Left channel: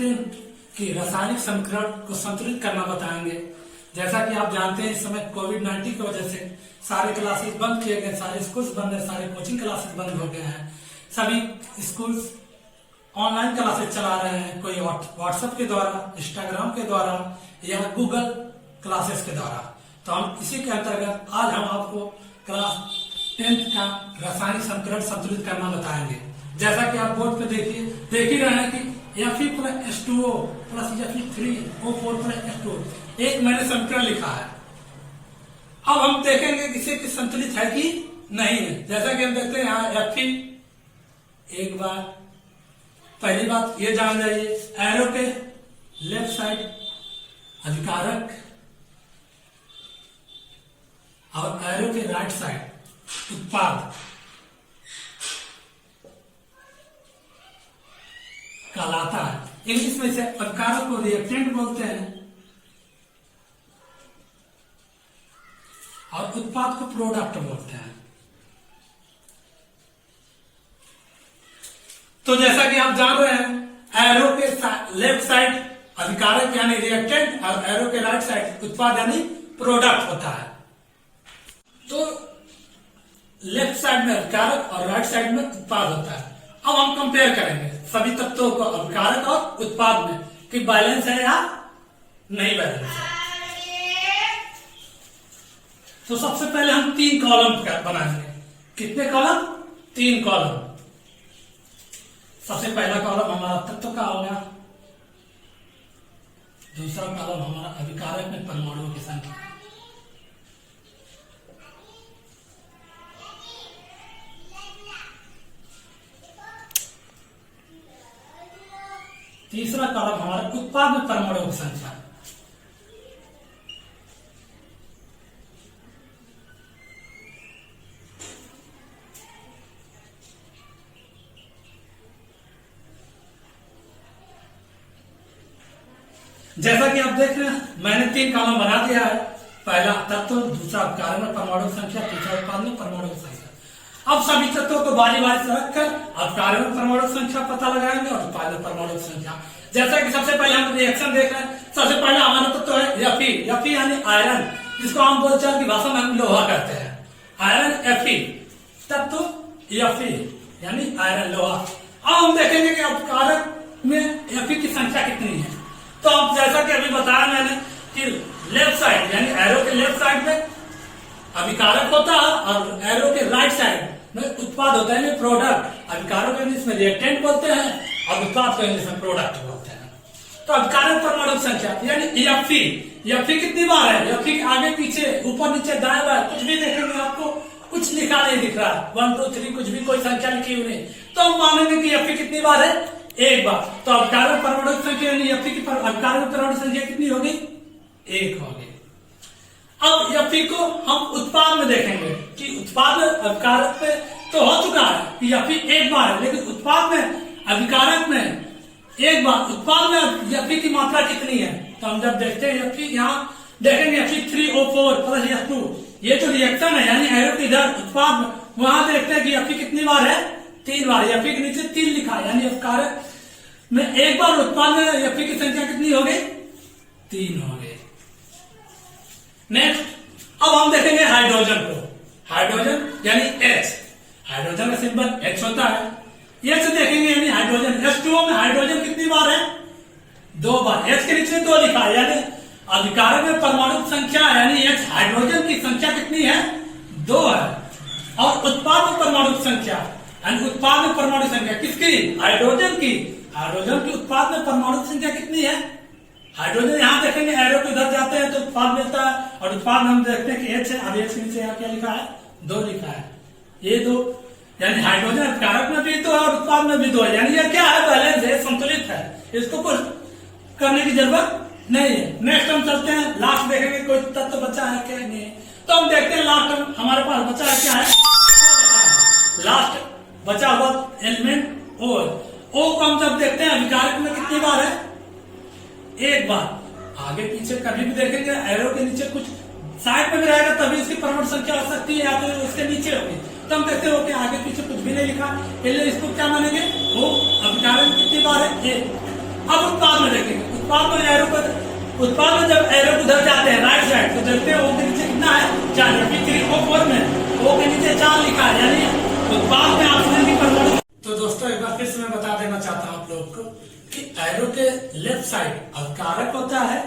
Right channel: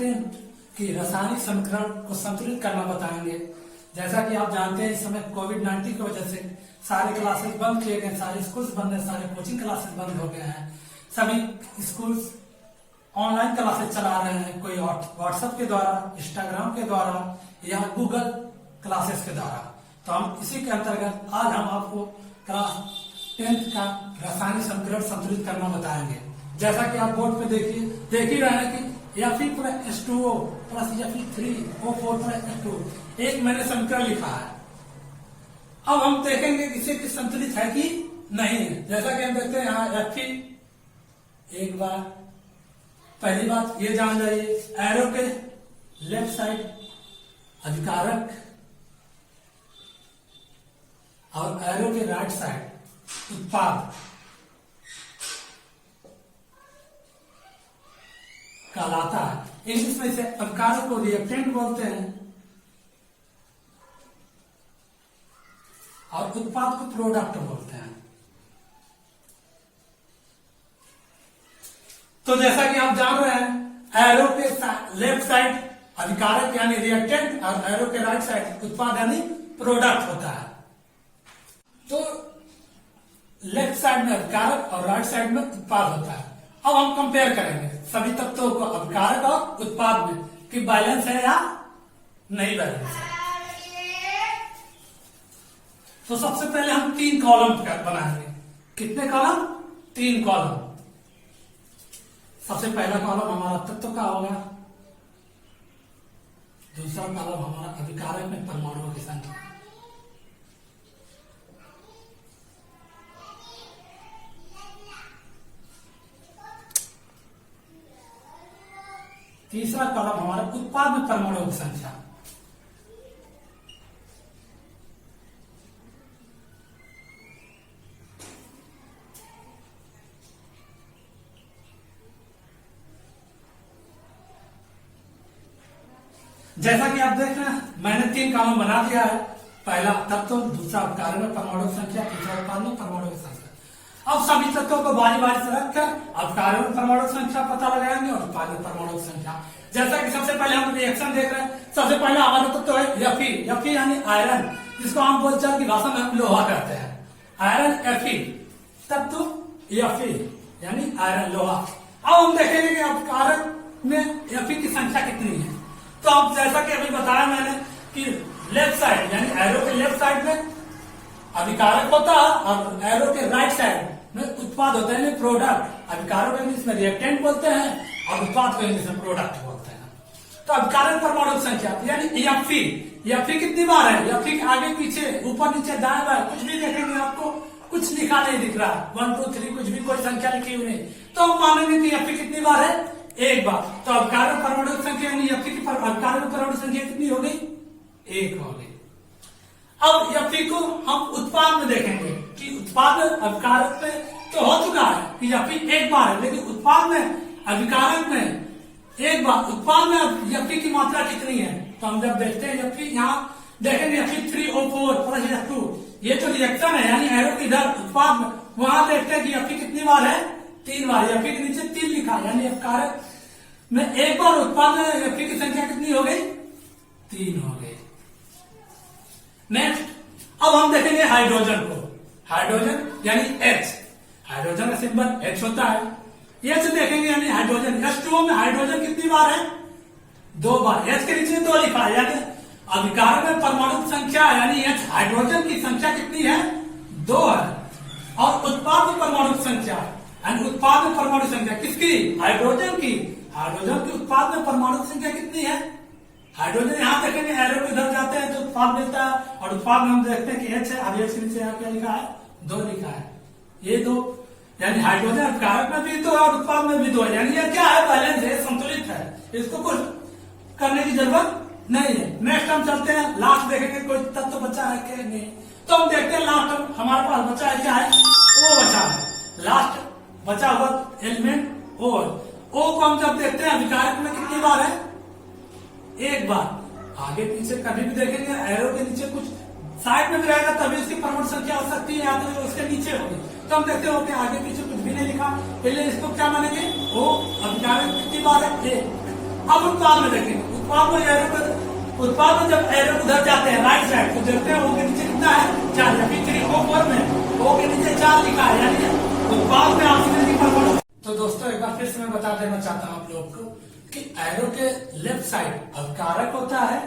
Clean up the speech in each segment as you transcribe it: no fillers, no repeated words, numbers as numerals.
अत्यंत की रासायनिक समीकरण को संतुलित करना बताएंगे। जैसा कि आप जानते हैं इस समय कोविड-19 की वजह से सारे क्लासेस बंद किए गए, सारे स्कूल्स बंद है, सारे कोचिंग क्लासेस बंद हो गए हैं। सभी स्कूल्स ऑनलाइन क्लासेस चला रहे हैं, कोई व्हाट्सएप के द्वारा, इंस्टाग्राम के द्वारा या गूगल क्लासेस के द्वारा। तो हम इसी के अंतर्गत आज हम आपको क्लास 10th का रासायनिक समीकरण संतुलित करना बताएंगे। जैसा कि आप बोर्ड पे देख ही रहे हैं कि Fe + H2O + Fe3O4 + H2O एक मैंने समीकरण लिखा है। अब हम देखेंगे इसे कि संतुलित है कि नहीं है। जैसा कि हम देखते हैं यहाँ Fe, एक बार पहली बात ये जान जाइए, एरो के लेफ्ट साइड अभिकारक और एरो के राइट साइड उत्पाद कहलाता है। इंग्लिश में इसे अभिकारक को रिएक्टेंट बोलते हैं और उत्पाद को प्रोडक्ट बोलते हैं। तो जैसा कि आप जान रहे हैं, एरो के लेफ्ट साइड अभिकारक यानी रिएक्टेंट और एरो के राइट साइड उत्पाद यानी प्रोडक्ट होता है। तो लेफ्ट साइड में अभिकारक और राइट साइड में उत्पाद होता है। अब हम कंपेयर करेंगे सभी तत्वों को अभिकारक और उत्पाद में कि बैलेंस है या नहीं बैलेंस है। तो सबसे पहले हम 3 कॉलम बनाएंगे। कितने कॉलम? 3 कॉलम। सबसे पहला कॉलम हमारा तत्व का होगा, दूसरा कॉलम हमारा अभिकारक में परमाणुओं की संख्या, तीसरा कॉलम हमारा उत्पाद में परमाणुओं की संख्या। जैसा कि आप देख रहे हैं मैंने 3 कॉलम बना दिया है। पहला तत्व, दूसरा अभिकारक में परमाणु की संख्या, तीसरा उत्पाद में परमाणु की संख्या। अब सभी तत्वों को बारी बारी से रखकर अभिकारक में परमाणु की संख्या पता लगाएंगे और उत्पाद में परमाणु की संख्या। जैसा कि सबसे पहले हम रिएक्शन देख रहे हैं। सबसे पहले हमारा तत्व है Fe यानी आयरन, जिसको हम बोलचाल की भाषा में हम लोहा कहते हैं। आयरन Fe, तत्व Fe यानी आयरन लोहा। अब हम देखेंगे कि अभिकारक में Fe की संख्या कितनी है। तो अब जैसा कि अभी बताया मैंने कि लेफ्ट साइड यानी एरो के लेफ्ट साइड में अभिकारक होता है और एरो के राइट साइड में उत्पाद होता है, प्रोडक्ट। अभिकारक को इंग्लिश में रिएक्टेंट बोलते हैं और उत्पाद को इंग्लिश में प्रोडक्ट बोलते हैं। तो अभिकारक परमाणु की संख्या यानी Fe कितनी बार है? Fe के आगे पीछे ऊपर नीचे दाएं बाएं कुछ भी देखेंगे आपको कुछ लिखा नहीं दिख रहा, 1 2 3 कुछ भी कोई संख्या लिखी हुई नहीं। तो हम मानेंगे कि Fe कितनी बार है? एक बार। तो अभिकारक परमाणु की संख्या यानी Fe की अभिकारक परमाणु संख्या कितनी होगी? 1 होगी। अब Fe को हम उत्पाद में देखेंगे कि उत्पाद में अभिकारक में तो हो चुका है कि Fe एक बार है, लेकिन उत्पाद में अभिकारक में एक बार, उत्पाद में Fe की मात्रा कितनी है? तो हम जब देखते हैं Fe, यहाँ देखेंगे Fe3O4 + H2, ये जो रिएक्शन है यानी एरो के इधर उत्पाद में, वहां देखते हैं कि Fe कितनी बार है? 3 बार। Fe के नीचे 3 लिखा है यानी अभिकारक में एक बार, उत्पाद में Fe की संख्या कितनी हो गई? 3 हो गई। नेक्स्ट अब हम देखेंगे हाइड्रोजन को। हाइड्रोजन यानी H, हाइड्रोजन का सिंबल H होता है। H देखेंगे यानी हाइड्रोजन। H2O में हाइड्रोजन कितनी बार है? 2 बार। H के नीचे 2 लिखा है यानी अभिकारक में परमाणु संख्या यानी H हाइड्रोजन की संख्या कितनी है? 2 है। और उत्पाद में परमाणु संख्या यानी उत्पाद में परमाणु संख्या किसकी? हाइड्रोजन की। हाइड्रोजन की उत्पाद में परमाणु संख्या कितनी है? हाइड्रोजन यहाँ देखेंगे एरो को इधर जाते हैं तो उत्पाद मिलता है और उत्पाद में हम देखते हैं कि H है। अब H के नीचे यहाँ क्या लिखा है? 2 लिखा है। ये 2 यानी हाइड्रोजन अभिकारक में भी 2 है और उत्पाद में भी 2 है, यानी ये क्या है? बैलेंस है, संतुलित है। इसको कुछ करने की जरूरत नहीं है। नेक्स्ट हम चलते हैं, लास्ट देखेंगे कोई तत्व बचा है क्या नहीं। तो हम देखते हैं लास्ट हमारे पास बचा है क्या है? O बचा है। लास्ट बचा हुआ एलिमेंट O। O को हम जब देखते हैं अभिकारक में कितनी बार है? 1 बार। आगे पीछे कभी भी देखेंगे एरो के नीचे कुछ साइड में रहेगा तभी उसकी परमाणु संख्या हो सकती है या तो उसके नीचे होगी। तो हम देखते हो कि आगे पीछे कुछ भी नहीं लिखा, इसलिए इसको क्या मानेंगे? वो अभिकारक कितनी बार है? 1। अब उत्पाद में देखेंगे, उत्पाद में जब एरो उधर जाते हैं राइट साइड तो देखते हैं ओ के नीचे कितना है 4, O4 में ओ के नीचे 4 लिखा है, यानी उत्पाद में ऑक्सीजन की परमाणु। तो दोस्तों एक बार फिर से मैं बता देना चाहता हूँ आप लोग को कि एरो के लेफ्ट साइड अभिकारक होता है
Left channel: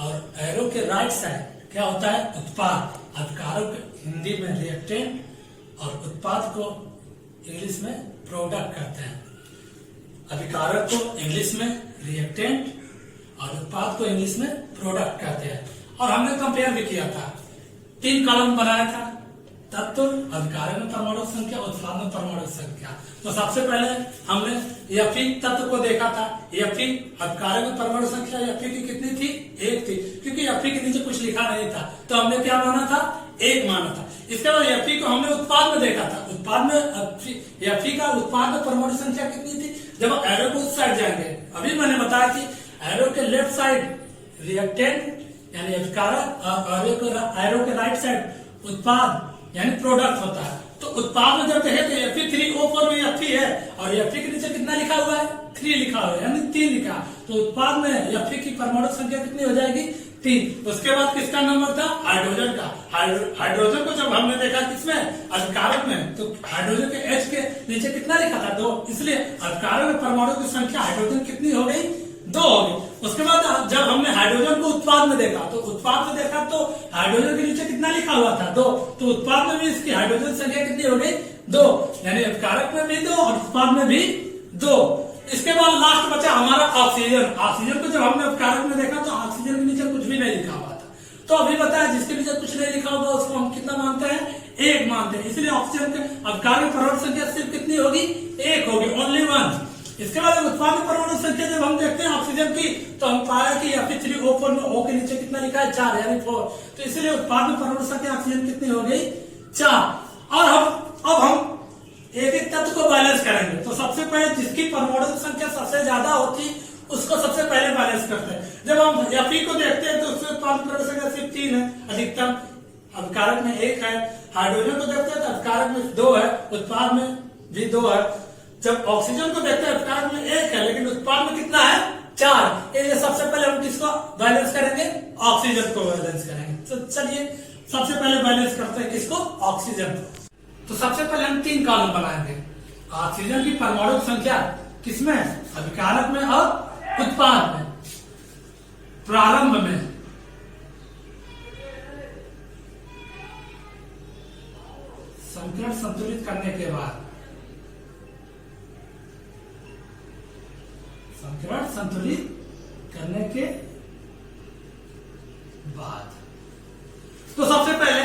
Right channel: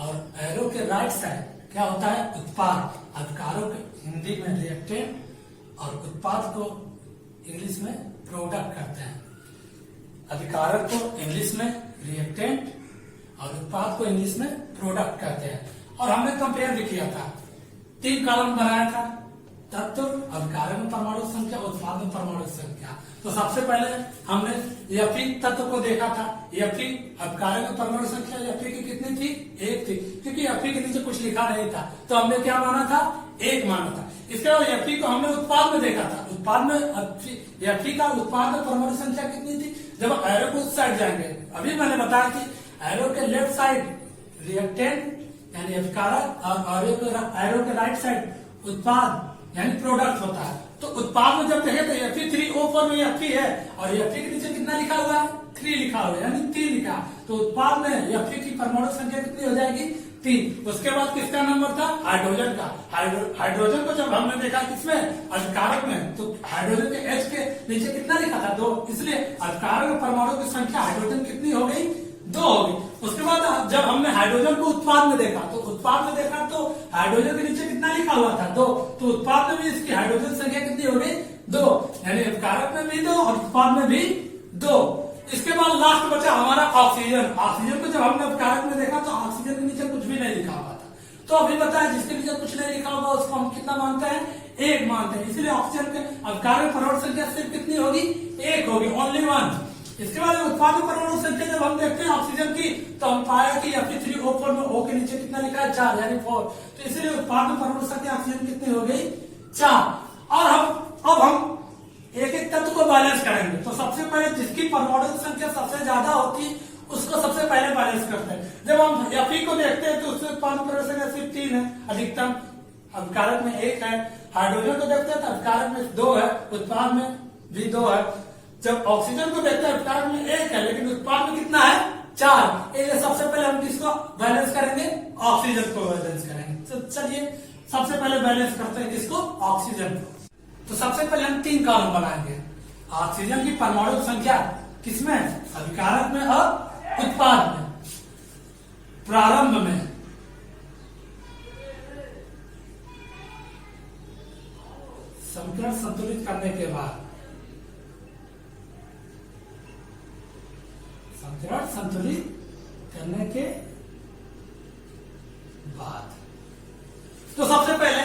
और एरो के राइट साइड क्या होता है उत्पाद। अभिकारक हिंदी में रिएक्टेंट और उत्पाद को इंग्लिश में प्रोडक्ट कहते हैं। अभिकारक को इंग्लिश में रिएक्टेंट और उत्पाद को इंग्लिश में प्रोडक्ट कहते हैं। और हमने कंपेयर भी किया था, 3 कॉलम बनाया था, तत्व, अभिकारक में परमाणु संख्या, उत्पाद में परमाणु संख्या। तो सबसे पहले हमने Fe तत्व को देखा था। Fe अभिकारक में परमाणु संख्या Fe की कितनी थी? 1 थी, क्योंकि Fe के नीचे कुछ लिखा नहीं था तो हमने क्या माना था? 1 माना था। इसके बाद Fe को हमने उत्पाद में देखा था। उत्पाद में Fe का उत्पाद में परमाणु संख्या कितनी थी? जब एरो को उस साइड जाएंगे, अभी मैंने बताया कि एरो के लेफ्ट साइड रिएक्टेंट यानी अभिकारक और एरो के राइट साइड उत्पाद यानी प्रोडक्ट होता है। तो उत्पाद में जब कहे तो Fe3O4 में Fe है और Fe के नीचे कितना लिखा हुआ है? 3 लिखा हुआ है, यानी 3 लिखा। तो उत्पाद में Fe की परमाणु संख्या कितनी हो जाएगी? 3। उसके बाद किसका नंबर था? हाइड्रोजन का। हाइड्रोजन को जब हमने देखा किसमें? अभिकारक में, तो हाइड्रोजन के H के नीचे कितना लिखा था? 2। इसलिए अभिकारक में परमाणु की संख्या हाइड्रोजन कितनी हो गई? 2 हो गई। उसके बाद जब हमने हाइड्रोजन को उत्पाद में देखा तो उत्पाद में देखा तो हाइड्रोजन के नीचे कितना लिखा हुआ था? 2। तो उत्पाद में भी इसकी हाइड्रोजन संख्या कितनी हो गई? 2, यानी अभिकारक में भी 2 और उत्पाद में भी 2। इसके बाद लास्ट बचा हमारा ऑक्सीजन। ऑक्सीजन को जब हमने अभिकारक में देखा तो ऑक्सीजन के नीचे कुछ भी नहीं लिखा हुआ था। तो अभी बताया जिसके नीचे कुछ नहीं लिखा होगा उसको हम कितना मानते हैं? 1 मानते हैं। इसलिए ऑक्सीजन के अभिकारक परमाणु संख्या सिर्फ कितनी होगी? 1 होगी, ओनली 1। इसके बाद उत्पाद परमाणु संख्या जब हम देखते हैं ऑक्सीजन की तो हम पाया कि Fe3O4 में O के नीचे कितना लिखा है? 4, यानी 4। तो इसलिए उत्पाद परमाणु संख्या ऑक्सीजन कितनी हो गई? 4। और अब हम एक एक तत्व को बैलेंस करेंगे। तो सबसे पहले जिसकी परमाणु संख्या सबसे ज्यादा होती उसको सबसे पहले बैलेंस करते हैं। जब हम Fe को देखते हैं तो उसमें उत्पाद परमाणु संख्या सिर्फ 3 है अधिकतम, अभिकारक में 1 है। हाइड्रोजन को देखते हैं तो अभिकारक में 2 है, उत्पाद में भी 2 है। जब ऑक्सीजन को देखते हैं अभिकारक में 1 है लेकिन उत्पाद में कितना है? 4। इसलिए सबसे पहले हम किसको बैलेंस करेंगे? ऑक्सीजन को बैलेंस करेंगे। तो चलिए सबसे पहले बैलेंस करते हैं किसको? ऑक्सीजन को। तो सबसे पहले हम 3 कॉलम बनाएंगे। ऑक्सीजन की परमाणु संख्या किसमें? अभिकारक में और उत्पाद में। प्रारंभ में संकरण संतुलित करने के बाद, संकरण संतुलित करने के बाद तो सबसे पहले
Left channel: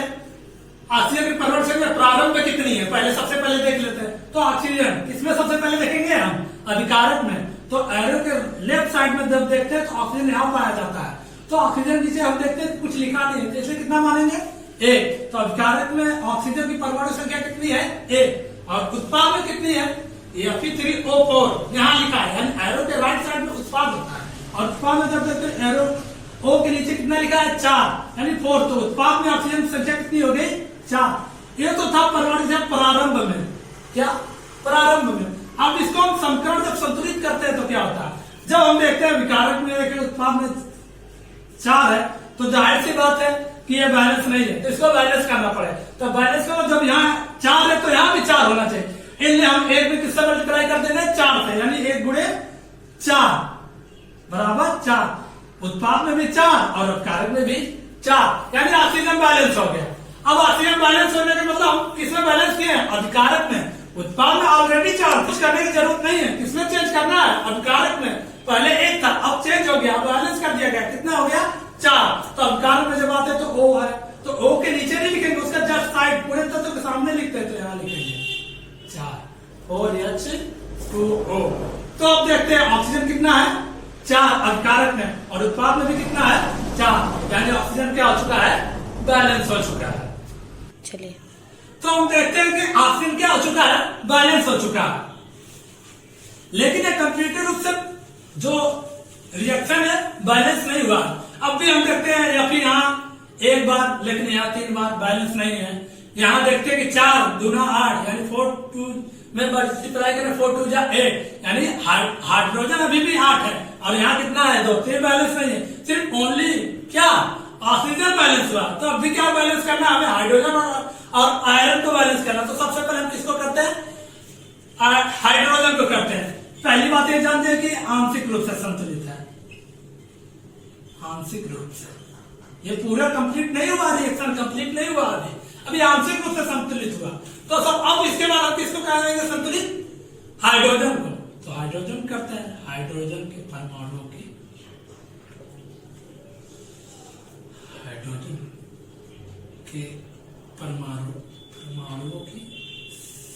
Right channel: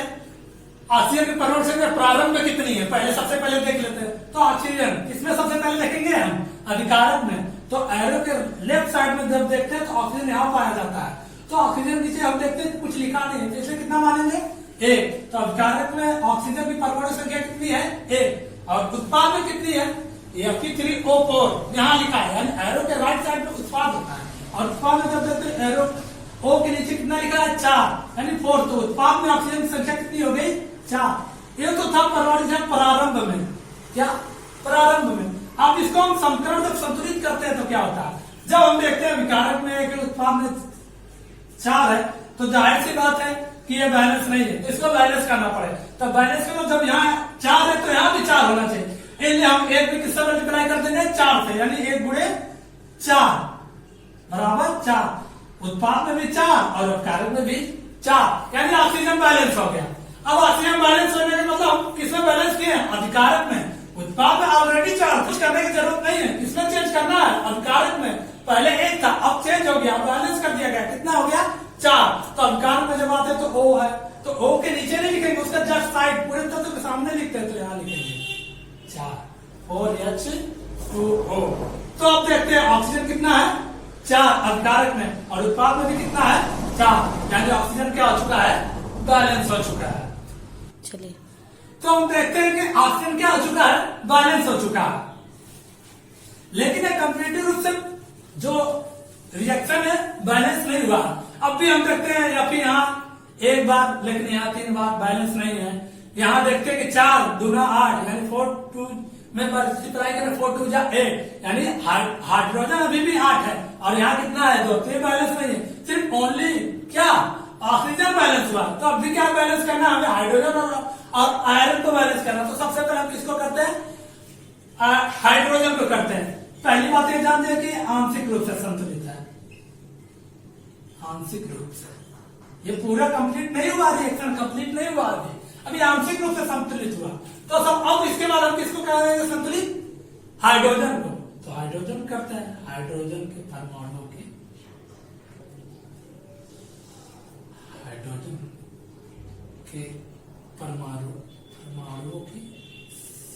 ऑक्सीजन की परमाणु संख्या प्रारंभ में कितनी है पहले सबसे पहले देख लेते हैं। तो ऑक्सीजन किसमें सबसे पहले देखेंगे हम? अभिकारक में। तो एरो के लेफ्ट साइड में जब देखते हैं तो ऑक्सीजन यहाँ पाया जाता है। तो ऑक्सीजन नीचे हम देखते हैं कुछ लिखा नहीं है, इसलिए कितना मानेंगे? 1। तो अभिकारक में ऑक्सीजन की परमाणु संख्या कितनी है? 1। और उत्पाद में कितनी है? Fe3O4 यहाँ लिखा है, यानी एरो के राइट साइड में उत्पाद होता है। और उत्पाद में जब देखते हैं एरो O के नीचे कितना लिखा है? 4, यानी 4। तो उत्पाद में ऑक्सीजन संख्या कितनी हो गई? 4। ये तो था परमाणु संख्या प्रारंभ में। क्या? प्रारंभ में। अब इसको हम संकरण जब संतुलित करते हैं तो क्या होता है? जब हम देखते हैं विकारक में 1 उत्पाद में 4 है तो जाहिर सी बात है कि ये बैलेंस नहीं है, तो इसको बैलेंस करना पड़ेगा। तो बैलेंस का मतलब जब यहाँ 4 है तो यहाँ भी 4 होना चाहिए। इसलिए हम 1 भी किससे मल्टीप्लाई कर देंगे? 4 से, यानी 1 गुणे 4 बराबर 4। उत्पाद में भी 4 और अभिकारक में भी 4, यानी ऑक्सीजन बैलेंस हो गया। अब ऑक्सीजन बैलेंस होने के मतलब हम किसमें बैलेंस किए? अभिकारक में। उत्पाद में ऑलरेडी 4, कुछ करने की जरूरत नहीं है। किसमें चेंज करना है? अभिकारक में। पहले 1 था, अब चेंज हो गया, बैलेंस कर दिया गया। कितना हो गया? 4। तो अभिकारक में जब आते तो O है, तो O के नीचे नहीं लिखेंगे, उसका जस्ट साइड पूरे तत्व के सामने लिखते हैं तो यहाँ लिखेंगे 4, 4H2O। तो अब देखते हैं ऑक्सीजन कितना है? 4 अभिकारक में, और उत्पाद में भी कितना है? 4, यानी ऑक्सीजन क्या हो चुका है? बैलेंस हो चुका है। चलिए तो हम देखते हैं कि ऑक्सीजन क्या हो चुका है? बैलेंस हो चुका है। लेकिन ये कंप्लीट रूप से जो रिएक्शन है बैलेंस नहीं हुआ। अब भी हम देखते हैं या फिर यहाँ 1 बार, लेकिन यहाँ 3 बार बैलेंस नहीं है। यहाँ देखते हैं कि 4 दूना 8, यानी 4 2 में मल्टीप्लाई करें 4 2 जा 8, यानी हाइड्रोजन अभी भी 8 है और यहाँ कितना है 2, तो ये बैलेंस नहीं है, सिर्फ ओनली क्या ऑक्सीजन बैलेंस हुआ। तो अब भी क्या बैलेंस करना है हमें, हाइड्रोजन और आयरन को बैलेंस करना। तो सबसे पहले हम किसको करते हैं, हाइड्रोजन को करते हैं। पहली बात ये जानते हैं कि आंशिक रूप से संतुलित है, आंशिक रूप से, ये पूरा कंप्लीट नहीं हुआ, रिएक्शन कंप्लीट नहीं हुआ अभी आंशिक रूप से संतुलित हुआ। तो सब अब इसके बाद हम किसको करेंगे संतुलित, हाइड्रोजन को। तो हाइड्रोजन करते हैं, हाइड्रोजन के परमाणुओं की, हाइड्रोजन के परमाणुओं की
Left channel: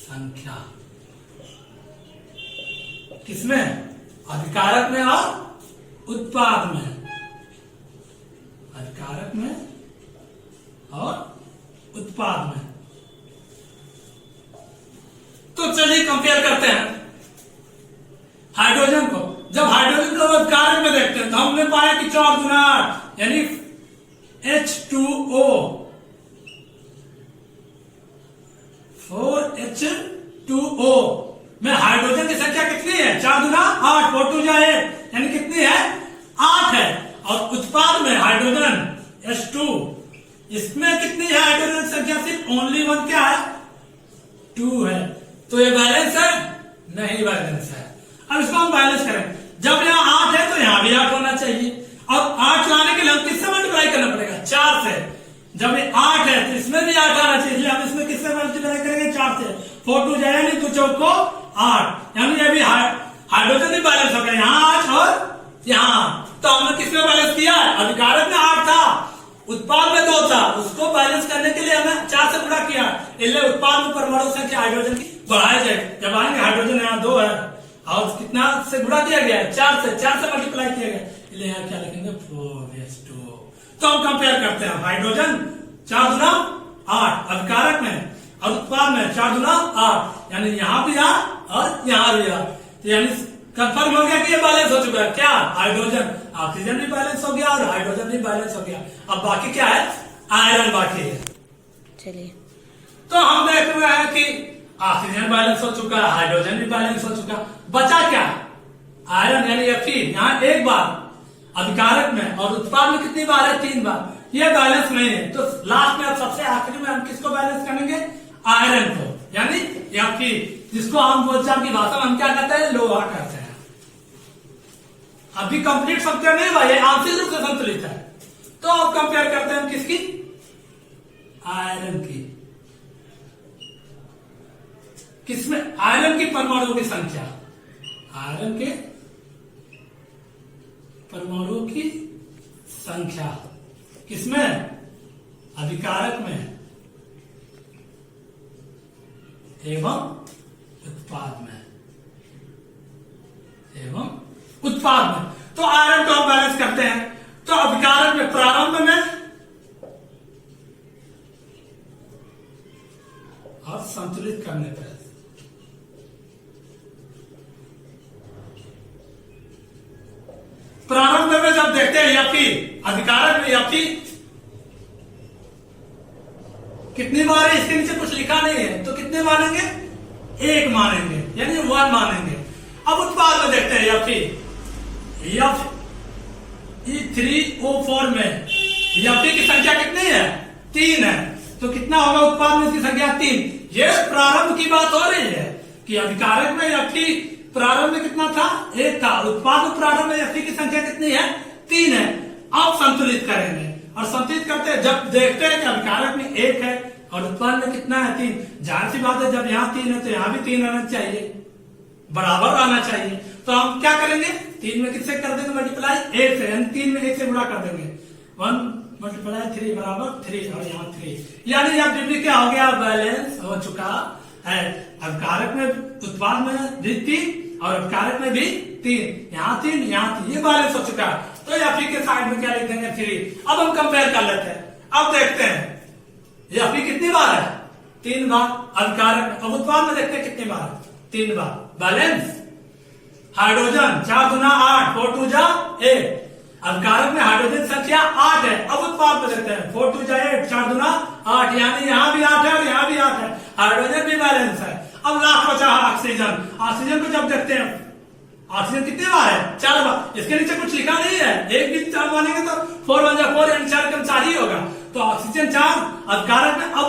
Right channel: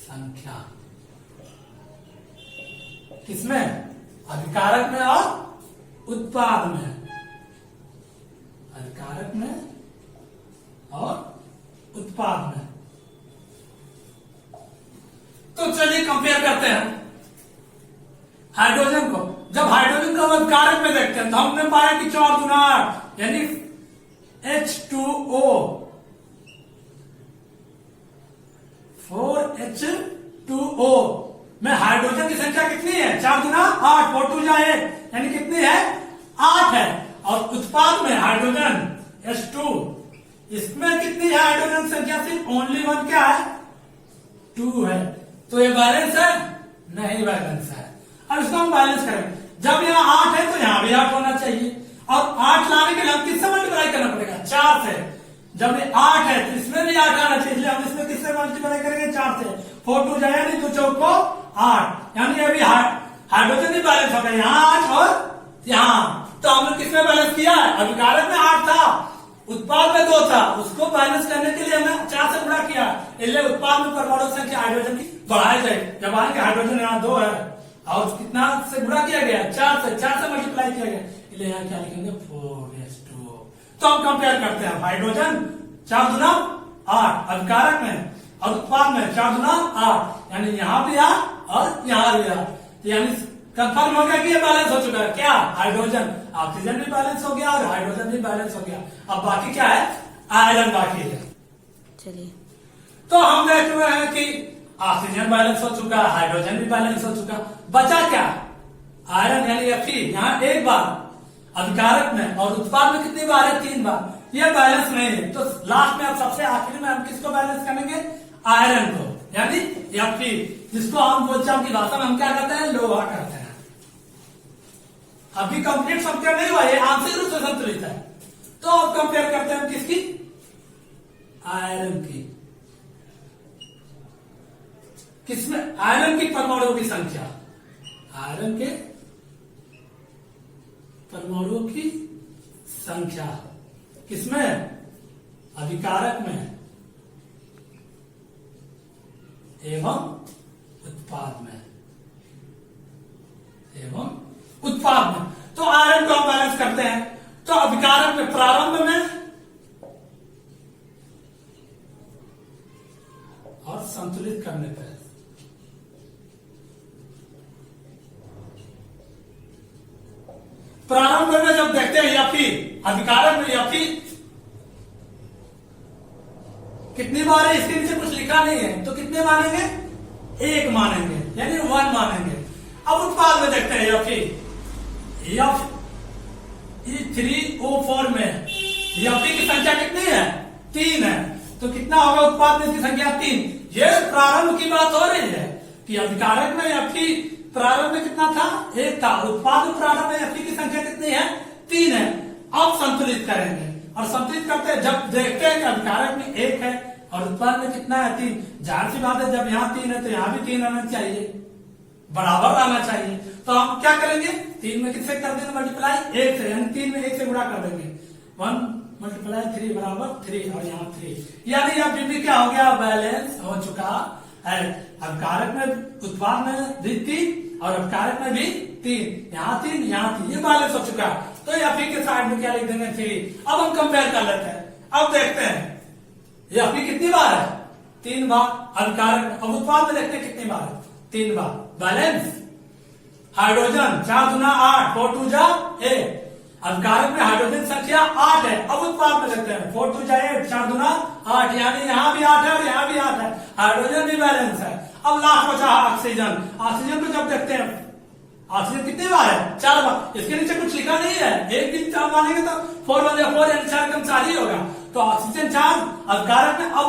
संख्या किसमें, अधिकारक में और उत्पाद में, अधिकारक में और उत्पाद में। तो चलिए कंपेयर करते हैं हाइड्रोजन को। जब हाइड्रोजन को अधिकारक में देखते हैं तो हमने पाया कि 4 गुना 8 यानी H2O 4H2O में हाइड्रोजन की संख्या कितनी है, 4 गुना 8, 4 2 8 यानी कितनी है 8 है। और उत्पाद में हाइड्रोजन H2 इसमें कितनी है हाइड्रोजन संख्या, सिर्फ ओनली 1 क्या है 2 है। तो ये बैलेंस है, नहीं बैलेंस है। अब इसको हम बैलेंस करें, जब यहाँ 8 है तो यहाँ भी 8 होना चाहिए, और 8 लाने के लिए हम किससे मल्टीप्लाई करना पड़ेगा, 4 से। जब ये 8 है तो इसमें भी 8 आना चाहिए, इसलिए हम इसमें किससे मल्टीप्लाई करेंगे, 4 से। 4 2 जाए नहीं तो 4 को 8, यानी ये भी हाइड्रोजन भी बैलेंस हो गया, यहाँ 8 और यहाँ। तो हमने किसमें बैलेंस किया है, अधिकारक में 8 था, उत्पाद में 2 था, उसको बैलेंस करने के लिए हमने 4 से गुणा किया, इसलिए उत्पाद में परमाणु संख्या हाइड्रोजन की बढ़ाई जाए। जब आएंगे हाइड्रोजन यहाँ 2 है और कितना से गुणा किया गया, 4 से मल्टीप्लाई किया गया, इसलिए यहाँ क्या लिखेंगे 4s2। तो हम कंपेयर करते हैं, हाइड्रोजन 4 गुना 8 अधिकारक में और उत्पाद में 4 गुना 8, यानी यहाँ भी 8 और यहाँ भी 8, यानी कंफर्म हो गया कि ये बैलेंस हो चुका है। क्या, हाइड्रोजन, ऑक्सीजन भी बैलेंस हो गया और हाइड्रोजन भी बैलेंस हो गया। अब बाकी क्या है, आयरन बाकी है। चलिए, तो हम देख रहे हैं कि ऑक्सीजन बैलेंस हो चुका है, हाइड्रोजन भी बैलेंस हो चुका, बचा क्या, आयरन यानी Fe। यहाँ एक बार अधिकारक में और उत्पाद में कितनी बार है, 3 बार, ये बैलेंस नहीं है। तो लास्ट में अब सबसे आखिर में हम किसको बैलेंस करेंगे, आयरन को, यानी Fe, जिसको हम बोलचाल की भाषा में हम क्या कहते हैं, लोहा कहते हैं। अभी कंप्लीट संख्या नहीं हुआ, ये आंशिक रूप से संतुलित है। तो अब कंपेयर करते हैं किसकी, आयरन की। किसमें, आयरन की परमाणुओं की संख्या, आयरन के परमाणुओं की संख्या किसमें, अधिकारक में एवं उत्पाद में, एवं उत्पाद में। तो आयरन को हम बैलेंस करते हैं, तो अधिकारक में प्रारंभ में और संतुलित करने पर, प्रारंभ में जब देखते हैं Fe, अधिकारक में Fe कितनी बार है, इसके नीचे कुछ लिखा नहीं है, तो कितने मानेंगे, 1 मानेंगे, यानी 1 मानेंगे। अब उत्पाद में देखते हैं Fe E3O4 में Fe की संख्या कितनी है, 3 है, तो कितना होगा उत्पाद में इसकी संख्या 3। ये प्रारंभ की बात हो रही है कि अधिकारक में Fe प्रारंभ में कितना था, 1 था, उत्पाद में प्रारंभ में Fe की संख्या कितनी है, 3 है। अब संतुलित करेंगे, और संतुलित करते हैं, जब देखते हैं कि अधिकारक में 1 है और उत्पाद में कितना है, 3, जाहिर सी बात है जब यहाँ 3 है तो यहाँ भी 3 रहना चाहिए, बराबर आना चाहिए। तो हम क्या करेंगे, 3 में किससे कर देंगे मल्टीप्लाई, 1 से, यानी 3 में 1 से गुणा कर देंगे, 1 मल्टीप्लाई 3 बराबर 3, और यहाँ 3, यानी यहाँ डिग्री क्या हो गया, बैलेंस हो चुका है। अधिकारक में उत्पाद में भी 3 और अधिकारक में भी 3, यहाँ 3 यहाँ 3, ये बैलेंस हो चुका है। तो Fe के साइड में क्या लिख देंगे, 3। अब हम कंपेयर कर लेते हैं, अब देखते हैं Fe कितनी बार है, 3 बार अधिकारक, अब उत्पाद में देखते हैं कितनी बार, 3 बार। बैलेंस, हाइड्रोजन 4 गुना 8, 4 2 जा 8, अधिकारक में हाइड्रोजन संख्या 8 है। अब उत्पाद में देखते हैं, 4 2 जा 8, 4 गुना 8, यानी यहाँ भी 8 है और यहाँ भी 8 है, हाइड्रोजन भी बैलेंस है। अब लास्ट बचा ऑक्सीजन, ऑक्सीजन को जब देखते हैं, ऑक्सीजन कितने बार है? 4 बार। इसके नीचे कुछ लिखा नहीं है, एक दिन 4 मानेंगे तो 4 1 जा 4 यानी 4 कम 4 ही होगा। तो ऑक्सीजन 4, अब कारक में अब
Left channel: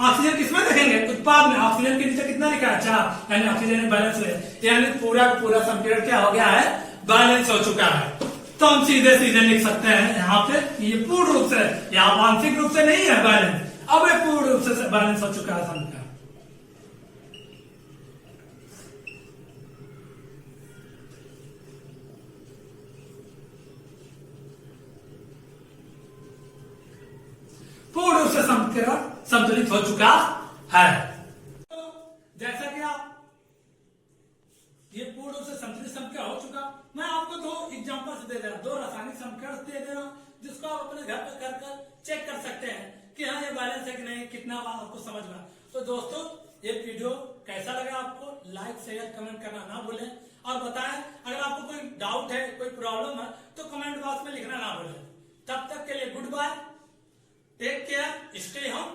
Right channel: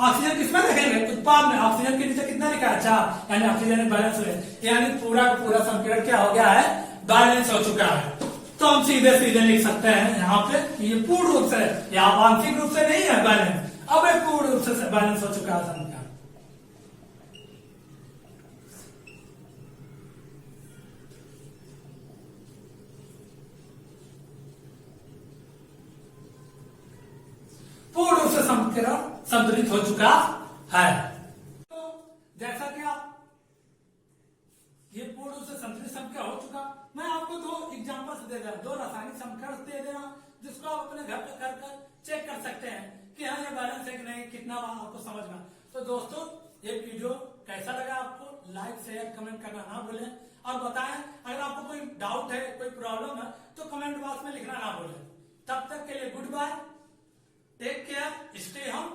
ऑक्सीजन किसमें लिखेंगे? उत्पाद में। ऑक्सीजन के नीचे कितना लिखा है? 4, यानी ऑक्सीजन बैलेंस है, यानी पूरा पूरा संपीड़न क्या हो गया है? बैलेंस हो चुका है। तो हम सीधे सीधे लिख सकते हैं यहाँ पे ये पूर्ण रूप से, यहाँ आंशिक रूप से नहीं है बैलेंस, अब ये पूर्ण रूप से बैलेंस हो चुका है समीकरण। पूर्ण रूप से समीकरण संतुलित हो चुका है। तो जैसा कि आप ये पूर्ण रूप से संतुलित समीकरण हो चुका, मैं आपको 2 एग्जांपल्स दे दे रहा हूं, 2 रासायनिक समीकरण दे दे रहा हूं, जिसको आप अपने घर पे कर चेक कर सकते हैं कि हाँ ये बैलेंस है कि नहीं, कितना आपको समझ में। तो दोस्तों ये वीडियो कैसा लगा आपको? लाइक शेयर कमेंट करना ना भूलें और बताएं अगर आपको कोई डाउट है, कोई प्रॉब्लम है तो कमेंट बॉक्स में लिखना ना भूलें। तब तक के लिए goodbye, take care, stay home.